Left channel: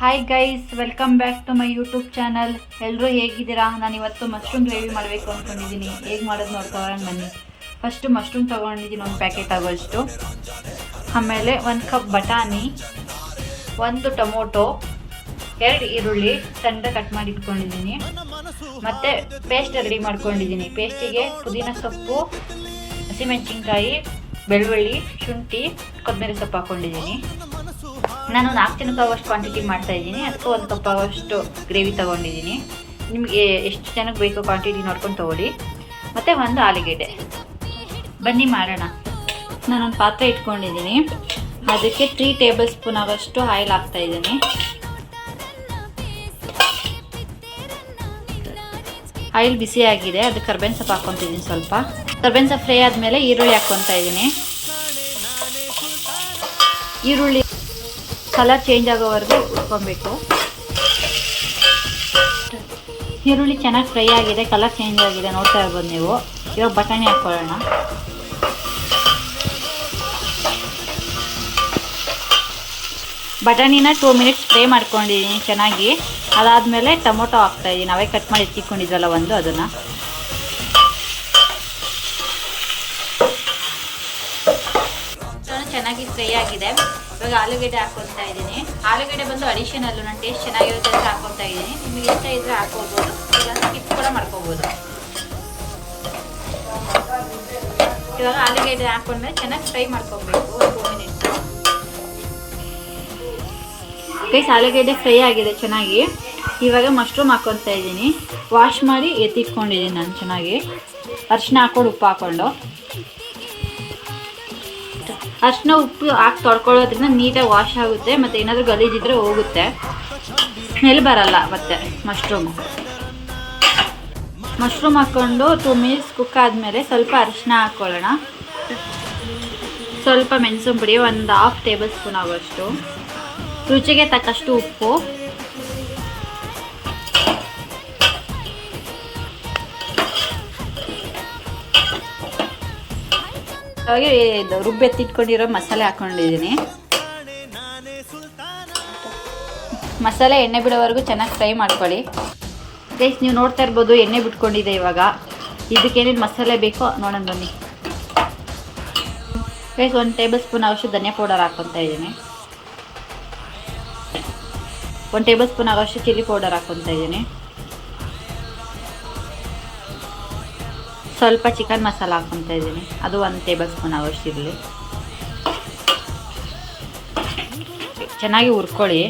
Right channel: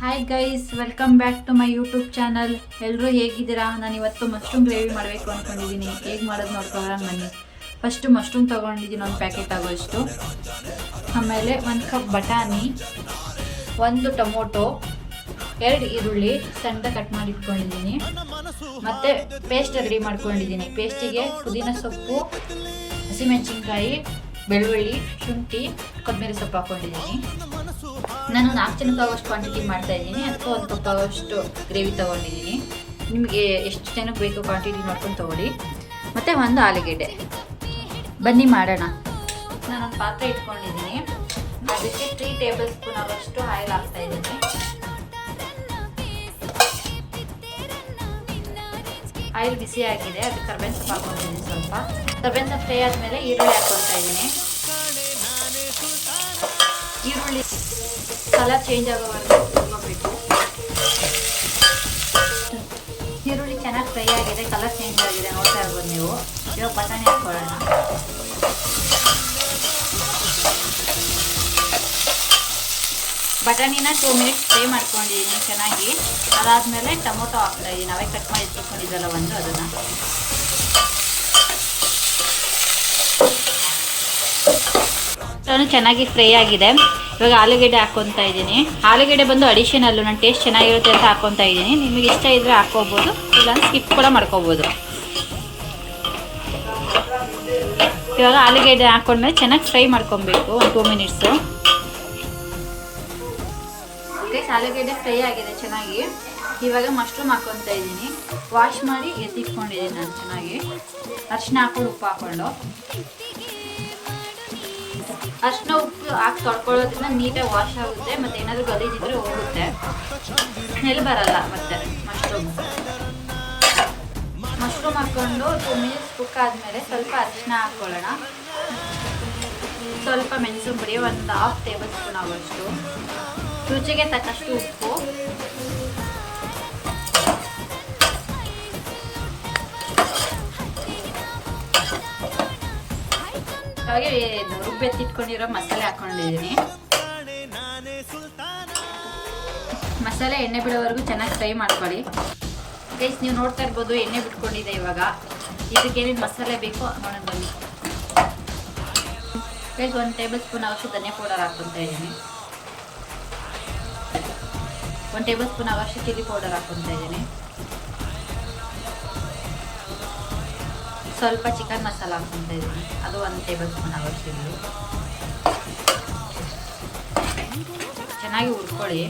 Hi guys, welcome back to my YouTube channel. ಎಲ್ಲರೂ ಹೇಗಿದ್ದೀರಾ? ನಾನು ಇವತ್ತು ಮಶ್ರೂಮ್ ಗ್ರೇವಿ ಮಾಡಬೇಕು ಅಂದ್ಕೊಂಡಿದ್ದೀನಿ. ಹೇಗೆ ಮಾಡೋದು ನೋಡ್ಕೊಳ್ಳೋಣ ಬನ್ನಿ. ಫಸ್ಟು ಮಶ್ರೂಮ್ ತೊಗೊಂಡಿದ್ದೀನಿ, ಒಂದು ಪ್ಯಾಕೆಟ್ ಆಗೋಷ್ಟು. ಆಮೇಲೆ 1 ಕಪ್ ಬಟಾಣಿ, 1 ಟೊಮೊಟೊ, 2 ಈರುಳ್ಳಿ ಸಣ್ಣ ಕಟ್ ಮಾಡಿ ಇಟ್ಕೊಂಡಿದ್ದೀನಿ. ಮತ್ತು ಪೇಸ್ಟ್ ರೆಡಿ ಮಾಡ್ಕೊಂಡಿದ್ದೀನಿ. ಪೇಸ್ಟಿಗೆ ಪುದೀನ ಸೊಪ್ಪು, ಹಸಿಮೆಣಸಿನ್ಕಾಯಿ, ಬೆಳ್ಳುಳ್ಳಿ, ಶುಂಠಿ, ಕೊತ್ತಂಬರಿ ಸೊಪ್ಪು ಹಾಕ್ಕೊಂಡಿದ್ದೀನಿ. ನಾನು 4 ಜನಕ್ಕೆ ಆಗೋಷ್ಟು ಕ್ವಾಂಟಿಟಿ ಮಾಡ್ತಾಯಿದ್ದೀನಿ. ಅದಕ್ಕೆ 1 ಕಪ್ ಆಗೋಷ್ಟು ಗ್ರೇವಿ ತೊಗೊಂಡಿದ್ದೀನಿ. ನಿಮಗೆ ಎಷ್ಟು ಜನಕ್ಕೆ ಬೇಕೋ ಕ್ವಾಂಟಿಟಿ ನೋಡ್ಕೊಂಡು ತೊಗೊಳ್ಳಿ. ಮತ್ತು 1 ಆಲೂಗೆಡ್ಡೆ. ಬನ್ನಿ ಮಾಡೋಣ. ನಾನೊಂದು ಪಾತ್ರೆ ಇಟ್ಕೊಂಡಿದ್ದೀನಿ. ಅದಕ್ಕೆ 3 ಟೇಬಲ್ ಸ್ಪೂನ್ ಆಗೋಷ್ಟು ಆಯಿಲ್ ಹಾಕ್ತಾಯಿದ್ದೀನಿ. ಆಯಿಲ್ ಬಿಸಿ ಆಗಿದೆ. ಅದಕ್ಕೆ ಕರ್ಬೇವಿನ ಸೊಪ್ಪು ಹಾಕ್ಕೊತಿದ್ದೀನಿ. ಸ್ವಲ್ಪ ಕರ್ಬೇವಿನ ಸೊಪ್ಪು ಫ್ರೈ ಆದಮೇಲೆ ಈರುಳ್ಳಿ ಹಾಕ್ಕೊತಾ ಇದ್ದೀನಿ. ಈರುಳ್ಳಿ ಕಲರ್ ಚೇಂಜ್ ಆಗೋವರೆಗೂ ಹುರ್ಕೊಬೇಕು. ಈರುಳ್ಳಿ ಚೆನ್ನಾಗಿ ಫ್ರೈ ಆಗಿದೆ, ಕಲರ್ ಚೇಂಜ್ ಆಗಿದೆ, ನೋಡ್ತಾ ಇರ್ಬೋದು ನೀವು. ಇವಾಗ ಬಟಾಣಿ ಹಾಕ್ಕೊಳ್ಳೋಣ. ಬಟಾಣಿನ 2 ಮಿನಿಟ್ಸ್ ಫ್ರೈ ಮಾಡ್ಕೊಂಡಿದ್ದೀನಿ ಚೆನ್ನಾಗಿ. ಅದಾದಮೇಲೆ ಟೊಮೊಟೊ ಹಾಕ್ತಾಯಿದ್ದೀನಿ. ಅವೇ ಕಟ್ ಮಾಡಿ ಎತ್ತಿಕೊಂಡಿದ್ದಲ್ಲ ಅದನ್ನು. ಚೆನ್ನಾಗಿ ಫ್ರೈ ಆಗಿದೆ. ಇವಾಗ ಆಲೂಗೆಡ್ಡೆ ಹಾಕ್ಕೊತಾ ಇದ್ದೀನಿ. ಆಲೂಗೆಡ್ಡೆ ಬಂದು ಅಡಿಷನಲ್ಲು, ನನ್ನ ಟೇಸ್ಟ್ ಚೆನ್ನಾಗಿರುತ್ತೆ ಅಂತ ಹಾಕ್ಕೊತಾ ಇದ್ದೀನಿ. ನಿಮಗೆ ಇಷ್ಟ ಇದ್ದರೆ ಹಾಕ್ಕೋಬೋದು, ಇಲ್ಲ ಸ್ಕಿಪ್ ಕೂಡ ಮಾಡ್ಕೋಬೋದು. ಇವಾಗ ಆಲೂಗೆಡ್ಡೆ ಹಾಕ್ಕೊಂಡ್ಮೇಲೆ ಚೆನ್ನಾಗಿ ಫ್ರೈ ಮಾಡ್ಕೊಬೇಕು 2 ಮಿನಿಟ್ಸು. ಗೈಸ್, ಆಲೂಗೆಡ್ಡೆ ಫ್ರೈ ಆಗಿದೆ ಚೆನ್ನಾಗಿ. ಇವಾಗ ಮಶ್ರೂಮ್ ಹಾಕ್ಕೊತಾ ಇದ್ದೀನಿ. ವಾಶ್ ಮಾಡಿ ಎತ್ತಿಟ್ಕೊಂಡಿದ್ದೀನಿ ನಾನು ಚೆನ್ನಾಗಿ. ಅರಿಶಿನ ಹಾಕ್ಕೊಂಡು, ಉಪ್ಪು ಹಾಕ್ಕೊಂಡು, ಅರಿಶಿನ ಉಪ್ಪು ಹಾಕಿ ತೊಳ್ಕೊಳ್ಳೋದ್ರಿಂದ ನೀಟಾಗಿ ವಾಶ್ ಆಗುತ್ತೆ. ಮತ್ತು ಏನಾದರೂ ಗಲೀಜಿದ್ರೆ ಹೋಗುತ್ತೆ, ಸ್ಮೆಲ್ ಬರಲ್ಲ. ಮತ್ತು ಮಶ್ರೂಮ್ ಹಾಕ್ಕೊಂಡು 2 ಮಿನಿಟ್ಸ್ ಕುಕ್ ಆದಮೇಲೆ ಸ್ವಲ್ಪ ಅರಿಶಿನ ಹಾಕ್ಕೊಳ್ಳೋಣ. ಸ್ವಲ್ಪ ಮೆಣಸಿನ ಪುಡಿ, 1/2 ಟೇಬಲ್ ಸ್ಪೂನ್ ಆಗೋಷ್ಟು, ರುಚಿಗೆ ತಕ್ಕಷ್ಟು ಉಪ್ಪು, ಹಾಗೆ ರುಬ್ಬೆತ್ತಿಟ್ಕೊಂಡಿರೋ ಮಸಾಲೆ ಹಾಕ್ಕೊಂಡಿದ್ದೀನಿ. ಮಸಾಲೆ ಎಣ್ಣೆ ಬಿಡೋವರೆಗೂ ಚೆನ್ನಾಗಿ ಫ್ರೈ ಮಾಡ್ಕೊಳ್ಳಿ. ಗೈಸ್, ನೀವು ನೋಡ್ತಾ ಇರ್ಬೋದು ಎಣ್ಣೆ ಬಿಟ್ಕೊಂಡಿದೆ. ಇವಾಗ ಇದಕ್ಕೇನೇನು ಮಸಾಲೆ ಬೇಕೋ ನೋಡೋಣ ಬನ್ನಿ. ಗೈಸ್, 1 ಟೇಬಲ್ ಸ್ಪೂನ್ ಆಗೋಷ್ಟು ಧನಿಯಾ ಪೌಡರ್ ಹಾಕ್ಕೊತಾ ಇದ್ದೀನಿ. 1 ಟೇಬಲ್ ಸ್ಪೂನ್ ಆಗೋಷ್ಟು ಚಿಲ್ಲಿ ಪೌಡರ್ ಹಾಕ್ಕೊತಾ ಇದ್ದೀನಿ. ಸ್ವಲ್ಪ ಚಿಕನ್ ಮಸಾಲ ಹಾಕ್ಕೊತಾ ಇದ್ದೀನಿ. ಅದು 1 ಟೇಬಲ್ ಸ್ಪೂನ್ ಆಗೋಷ್ಟು ಇರಲಿ. ಚೆನ್ನಾಗಿ ಹುರ್ಕೊಳ್ಳಿ.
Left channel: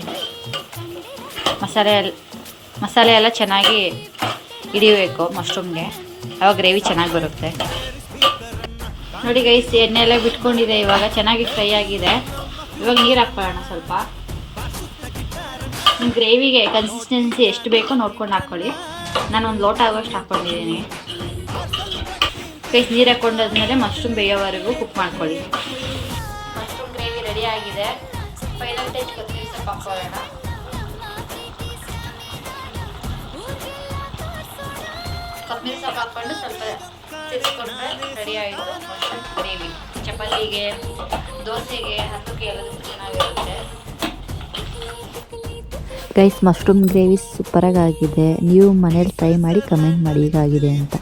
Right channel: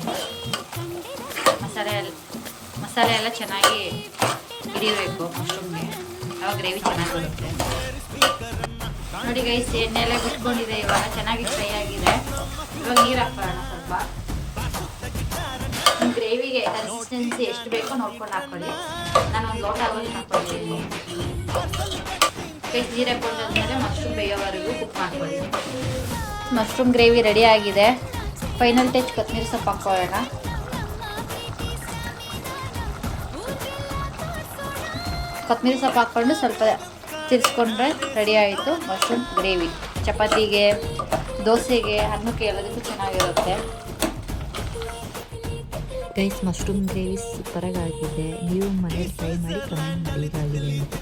ಮಸಾಲೆ ಎಲ್ಲ ಚೆನ್ನಾಗಿ ಹಿಡಿಯಬೇಕು ಮಶ್ರೂಮ್ಗೆ, ಆವಾಗ ಗ್ರೇವಿ ಚೆನ್ನಾಗಿ ಬರುತ್ತೆ. ನೋಡಿ ಗೈಸ್, ಎಣ್ಣೆ ಎಲ್ಲ ಬಿಟ್ಕೊಂಡಿದೆ. ಇವಾಗ ಚೆನ್ನಾಗಿ ಫ್ರೈ ಆಗಿದೆ. ಇವಾಗ ನೀರು ಹಾಕ್ಕೊಳ್ಳೋಣ ಸ್ವಲ್ಪ. ನಿಮ್ಮ ಗ್ರೇವಿಗೆ ಕನ್ಸಿಸ್ಟೆನ್ಸಿ ಎಷ್ಟು ಬೇಕೋ ನೋಡ್ಕೊಂಡು ಹಾಕ್ಕೊಳ್ಳಿ. ನಾನು 1 ಲೋಟ ಆಗೋಷ್ಟು ಹಾಕ್ಕೊಂಡಿದ್ದೀನಿ. ಗೈಸ್, ನೀರು ಹಾಕ್ಕೊಂಡಾದ್ಮೇಲೆ ಮಶ್ರೂಮ್ ಬೇಯೋವರೆಗೂ ಕುಕ್ ಮಾಡ್ಕೊಳ್ಳಿ. ಮಶ್ರೂಮ್ ಗ್ರೇವಿ ರೆಡಿ ಆಗಿದೆ. ಫೈನಲ್ ಟಚ್ ಕೊತ್ತಂಬರಿ ಸೊಪ್ಪು ಹಾಕ್ಕೊಳ್ಳೋಣ. ಕೊತ್ತಂಬರಿ ಸೊಪ್ಪು ಹಾಕ್ಕೊಂಡು ಸ್ವಲ್ಪ ತಿರ್ಸ್ಕೊಂಡ್ರೆ ರೆಡಿ ಆಯಿತು ಮಶ್ರೂಮ್ ಗ್ರೇವಿ. ಚಪಾತಿಗೆ, ದೋಸೆಗೆ, ಅನ್ನಕ್ಕೆ ಎಲ್ಲದಕ್ಕೂ ಚೆನ್ನಾಗಿರುತ್ತೆ. ಗೈಸ್, ಮಶ್ರೂಮ್ ಗ್ರೇವಿ ಸೂಪರಾಗಿ ಆಗಿದೆ. ನೀವು ಮನೇಲಿ ಟ್ರೈ ಮಾಡಿ ಕಮೆಂಟ್ ಮಾಡಿ ಹೇಗಾಗಿದೆ ಅಂತ.